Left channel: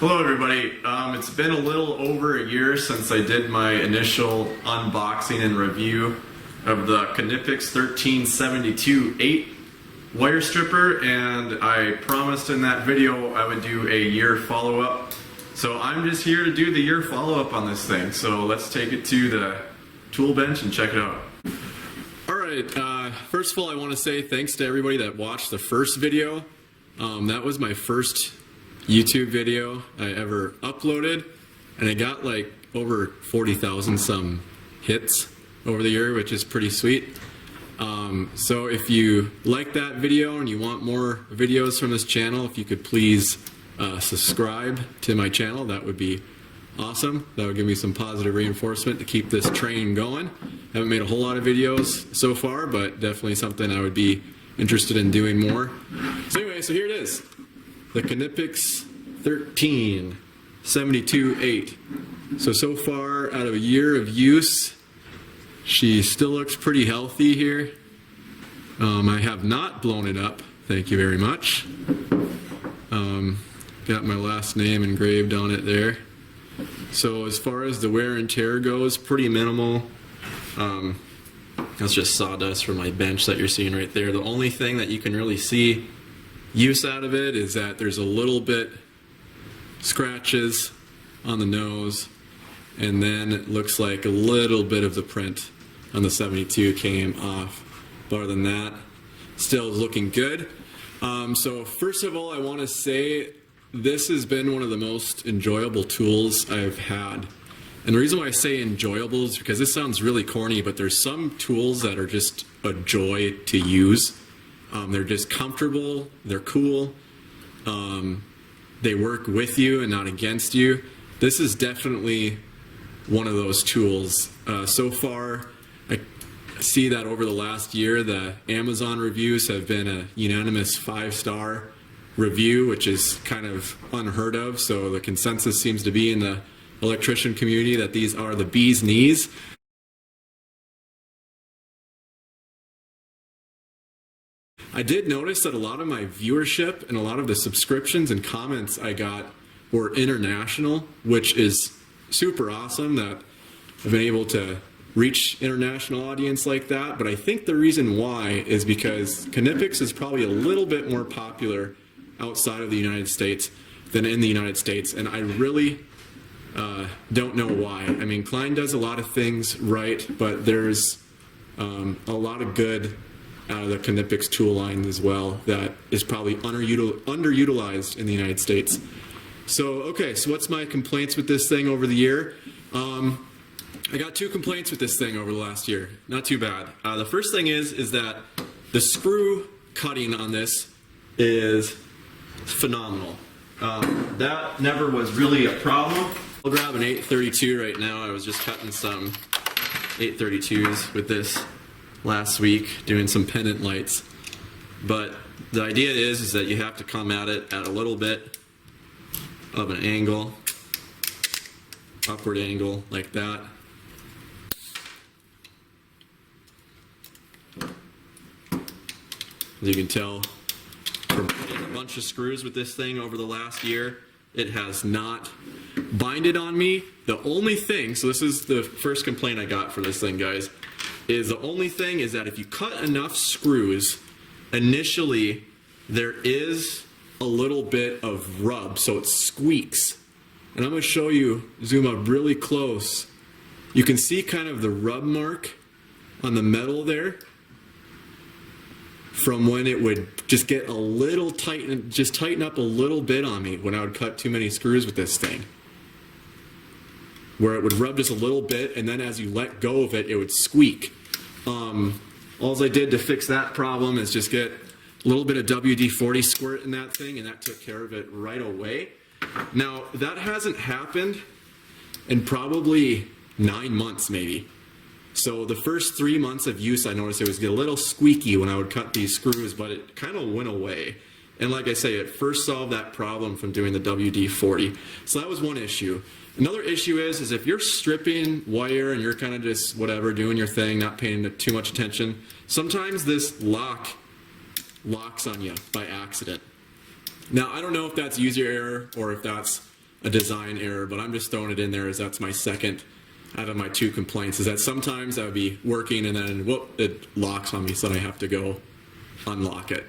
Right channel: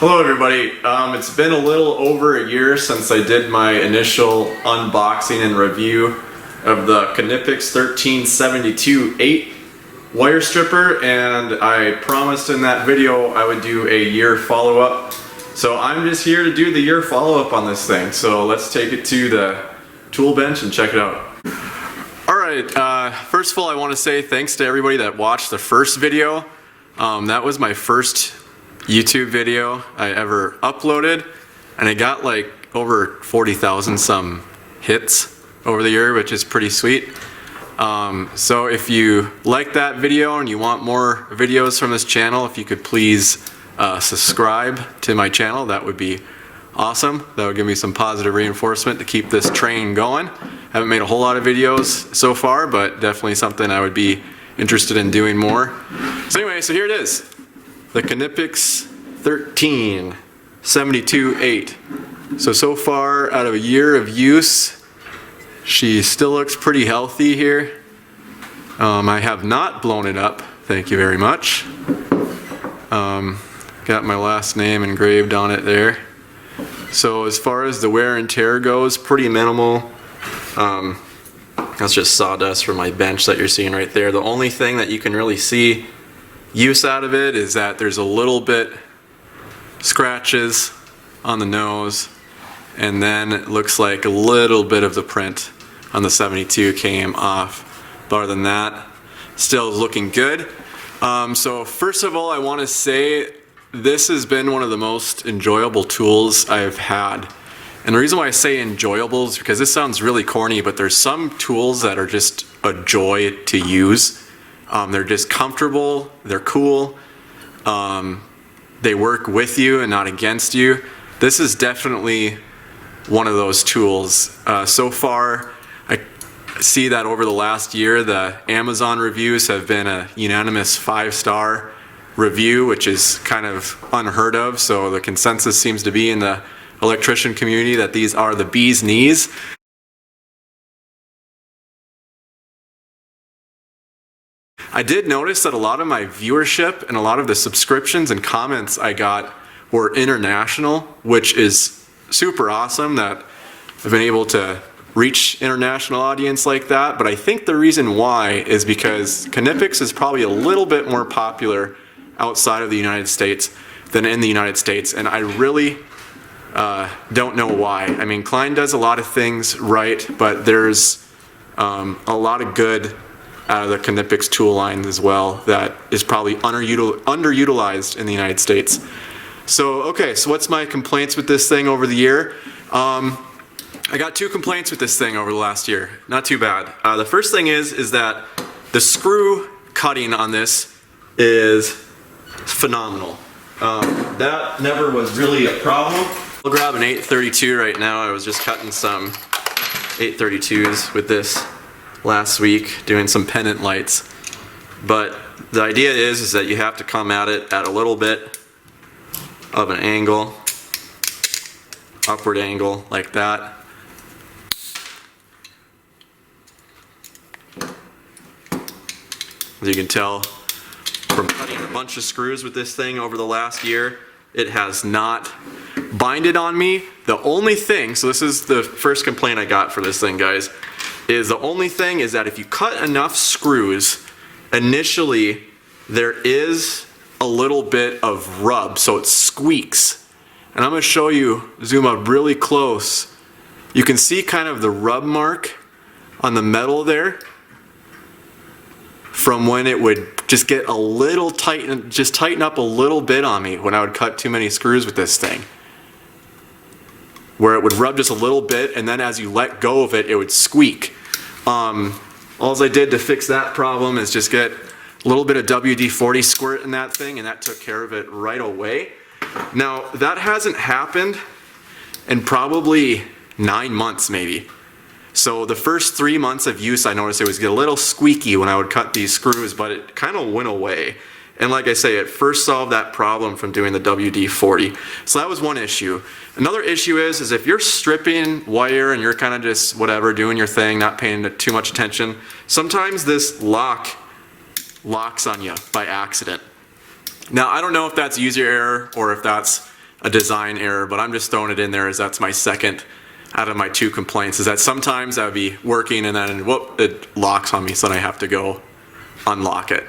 Hello everybody, it's been a little over a year since I did my initial unboxing and review of the Knipex 1372-8 wire stripper, and I promised in that video I would do a year follow-up. So I'm just here to do the year follow-up on this thing, so let's take it to the tool bench and check it out. Alright, first of all I want to say thanks to everybody that watched the first video. That was my first YouTube video I ever uploaded, and it got like over 40,000 some hits over the year, which is pretty sweet. So if you like that video and you want more videos from this channel, if you could please subscribe to my channel, that would be awesome. That would give me some positive reinforcement to keep this train going. Haven't made a whole lot of videos so far, but definitely something I would be interested in doing more. So anyway, so here it is. The Knipex 1372-8. So far out of a year of use, she still looks pretty healthy here. I have not blown it up, thank you very much. Got my last name engraved on it there. So as far as the wear and tear goes, pretty minimal. That's just sawdust from my bench that you're seeing right there. The only thing that you can really see use out of it is that there's a little bit scratches on the nose, and then it looks like a little bit of the print on the 72 came off. But other than that, still looking good. So first of all, I want to say this has been one of the most enjoyable tools I've had. And the reason why I say enjoyable is because this sounds really corny, but there's some tools that are just a joy to use. They're just comfortable, they're cool, they work with you and not against you. This is definitely one of those tools. So far, I see that over the last year, the Amazon reviews have been a unanimous 5-star review, which is kind of unheard of. So the consensus seems to be in the electrician community that these are the bee's knees. I did notice that a lot of my viewership and a lot of the subscriptions and comments I got were international, which is super awesome that I've been able to reach international audience like that. But I think the reason why is because Knipex is probably a little bit more popular outside of the United States than in the United States, and I really don't know why. I mean, Klein does a lot of things right, but there's a lot of good out of the Knipex tool line as well that is probably underutilized in the United States. So, okay, so what's my complaints with this thing over the year? I got 2 complaints with this thing over the last year. Not too bad. The first thing is that the screw cutting on this is phenomenal. That never was really a problem. I'll grab an 832 right now. I was just cutting some 832s with this last week, doing some pendant lights. But the idea is that you have to come at it at a little bit of an angle, upward angle like that. As you can tell from cutting a bunch of screws with this thing over the last year, it has not binded on me. The only thing, so this is the first complaint I got for this thing, guys, is the only thing is that if you cut enough screws, initially there is a little bit of rub, so it squeaks. And I'm going to show you, zoom up really close. You can see kind of the rub mark on the metal there from when it would just get a little tight, just tighten up a little bit on me when I would cut too many screws with this thing. Where it would rub just a little bit, and then as you let go of it, it would squeak. All I did to fix that problem is just get a little bit of WD-40 squirt in that thing, and that took care of it right away. Now, that hasn't happened in probably 9 months maybe. So the first 3 months of use, I noticed it was get a little squeaky when I would cut these screws, but it kind of went away. And like I say, it first solved that problem from doing the WD-40. So that was one issue. Another issue is if you're stripping wire and you're kind of just whatever, doing your thing, not paying too much attention, sometimes this locks on you by accident. Now, I don't know if that's user error or if that's a design error, but I'm just throwing it in there as that's my second out of my 2 complaints, is that sometimes I would be working and then whoop, it locks on me, so then I have to go unlock it.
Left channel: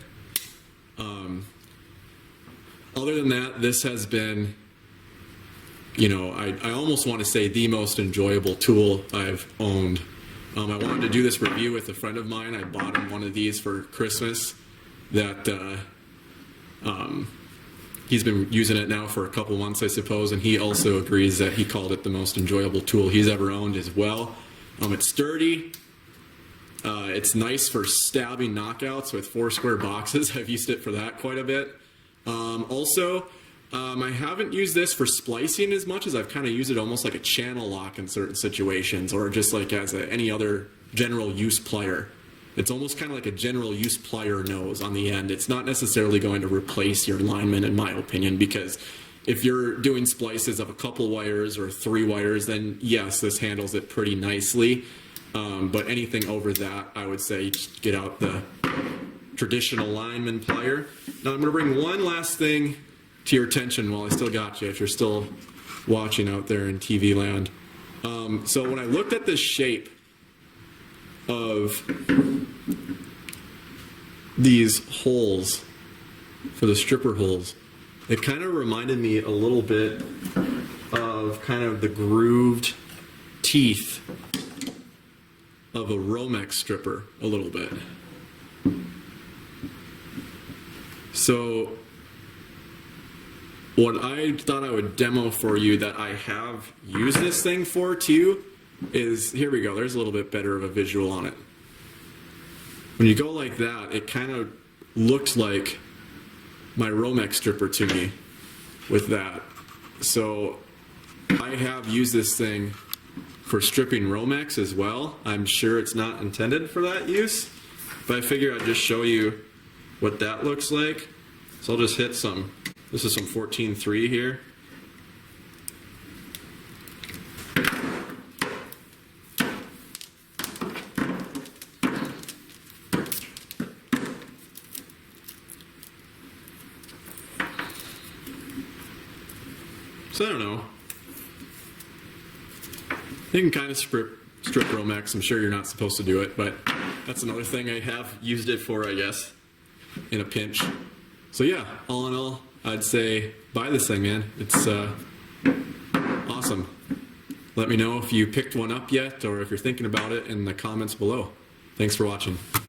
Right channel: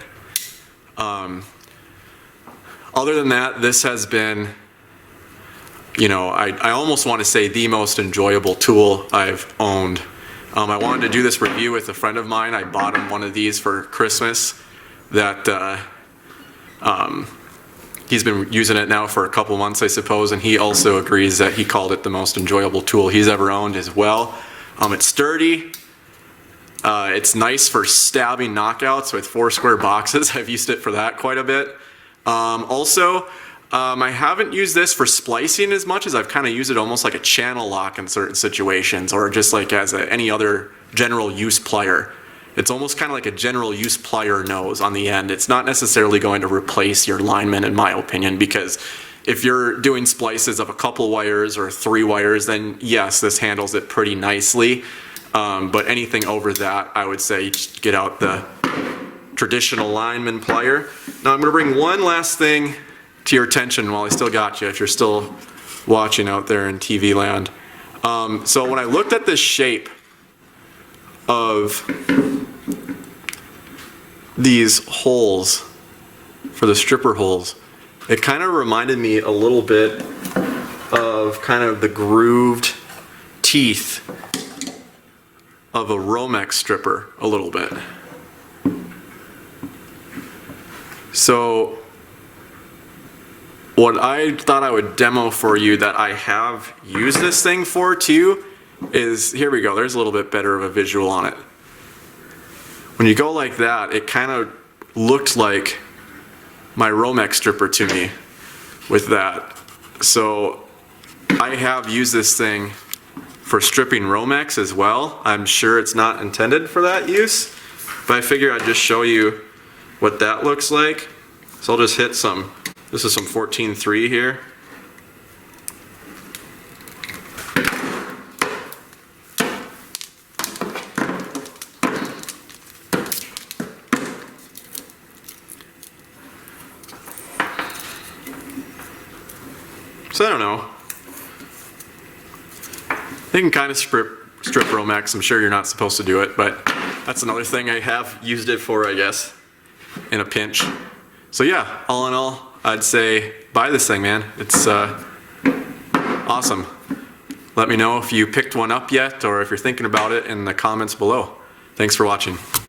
Other than that, this has been, you know, I almost want to say the most enjoyable tool I've owned. I wanted to do this review with a friend of mine. I bought him one of these for Christmas that he's been using it now for a couple months, I suppose, and he also agrees that he called it the most enjoyable tool he's ever owned as well. It's sturdy. It's nice for stabbing knockouts with 4 square boxes. I've used it for that quite a bit. I haven't used this for splicing as much as I've kind of used it almost like a channel lock in certain situations, or just like as any other general use plier. It's almost kind of like a general use plier nose on the end. It's not necessarily going to replace your lineman, in my opinion, because if you're doing splices of a couple wires or 3 wires, then yes, this handles it pretty nicely. But anything over that, I would say just get out the traditional lineman plier. Now I'm going to bring one last thing to your attention while I still got you, if you're still watching out there in TV land. So when I looked at this shape of these holes for the stripper holes, it kind of reminded me a little bit of kind of the grooved teeth of a romex stripper a little bit. So what I thought I would demo for you that I have used this thing for too is, here we go, there's a little bit better of a visual on it. When you go like that, it kind of looked like my romex stripper to me with that. So I have used this thing for stripping romex as well. I'm sure it's not intended for that use, but I figure I'd just show you what that looks like. So I'll just hit some, this is some 14.3 here. So I don't know. They can kind of strip romex. I'm sure you're not supposed to do it, but that's another thing I have used it for, I guess, in a pinch. So yeah, all in all, I'd say buy this thing, man. It's awesome. Let me know if you picked one up yet or if you're thinking about it in the comments below. Thanks for watching.